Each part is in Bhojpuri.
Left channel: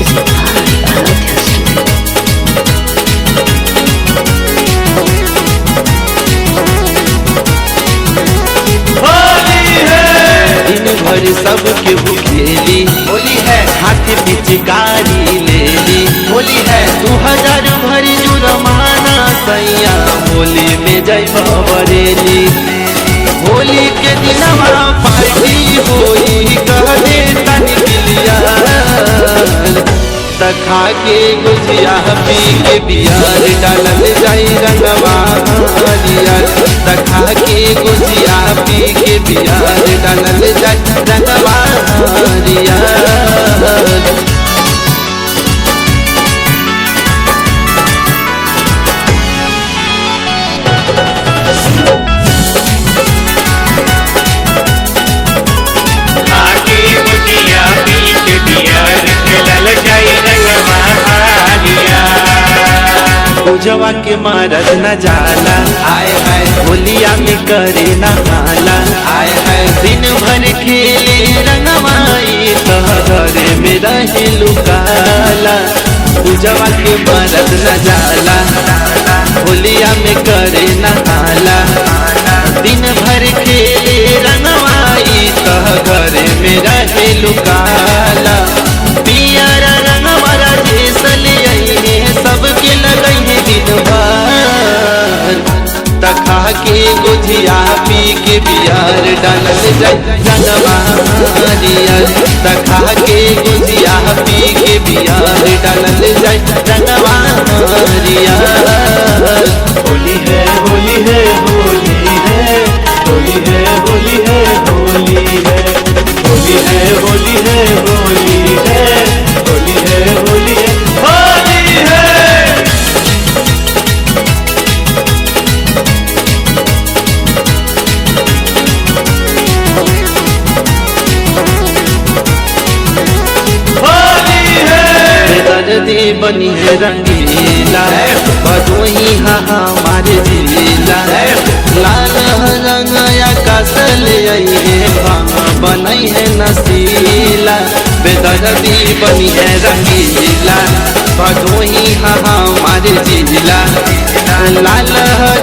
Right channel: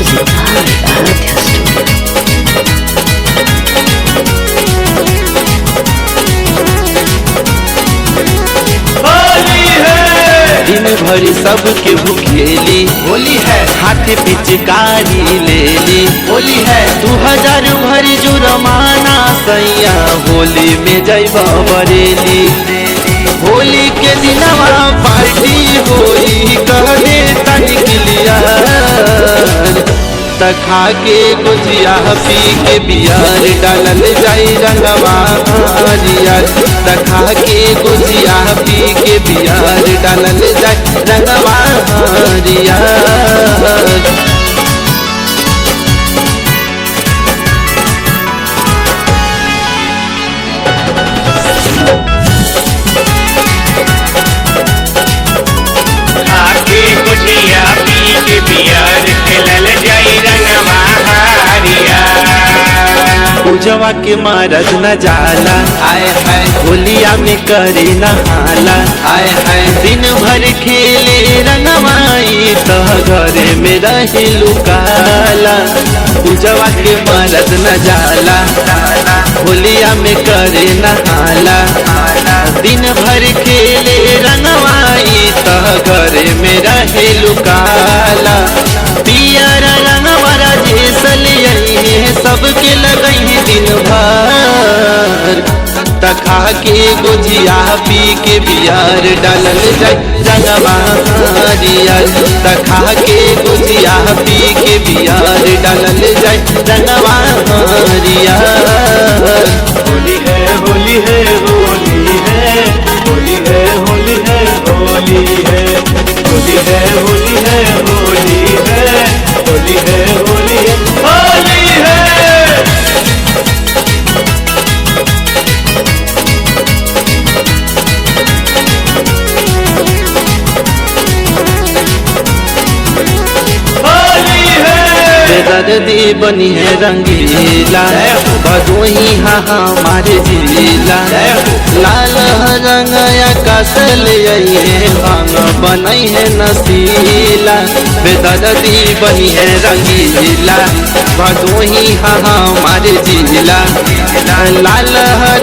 Music by Aradhya Studio. दिन भर सबके भूखेली होली है, हाथ पिचकारी ले ली। होली है, 2000 भरी जुर्माना सैया होली में जैबा बरेली। होली के दिनवा पार्टी होई कह दे तनिक लिया तखा के गुजिया पी के बियार डालल जाई रंगवा हरियर। तखा के गुजिया पी के बियार डालल जाई रंगवा हरियर। आके गुटिया पी के बियार के डल जाई रंगवा हरिया। पूजवा के मारद न जाला आए हाय, होलिया में करे नहाला। आए हाय, दिन भर खेले रंगवाई तो घरे में रहे लुकाला। पूजवा के मरद न जाला होलिया में करे नहाला। दिन भर खेले रंगवाई तो घरे में रहे लुकाला। पियर रंगवारा जैसल यही सबके लगई है दिन भर। तखा के गुजिया पी के बियार डालल जाई रंगवा हरियर। तखा के गुजिया पी के बियार डालल जाई रंगवा हरियर। होली है, होली है, होली है, होली है, होली है, होली है, होली है, होली है, होली है, होली है, होली है। बेदर्दी बनी है रंगीला बदोही हा हमारे जिला। लाल रंग या कसल है भांग बनई है नसीला। बेदर्दी बनी है रंगीला बदोही हा हमारे जिला। लाल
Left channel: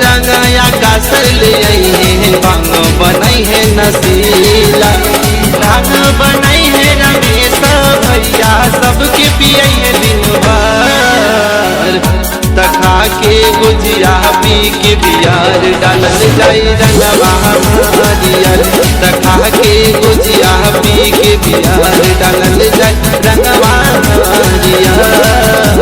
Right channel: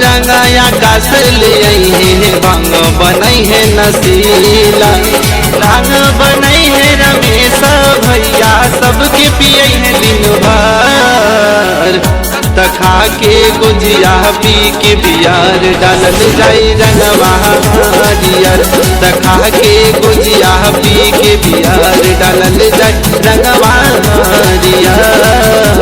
रंग या कसल है भांग बनई है नसीला। भांग बनई है रमेश भैया सबके पियई है दिन भर। तखा के गुजिया पी के बियार डालल जाई रंगवा हरियर। तखा के गुजिया पी के बियार डालल जाई रंगवा हरियर।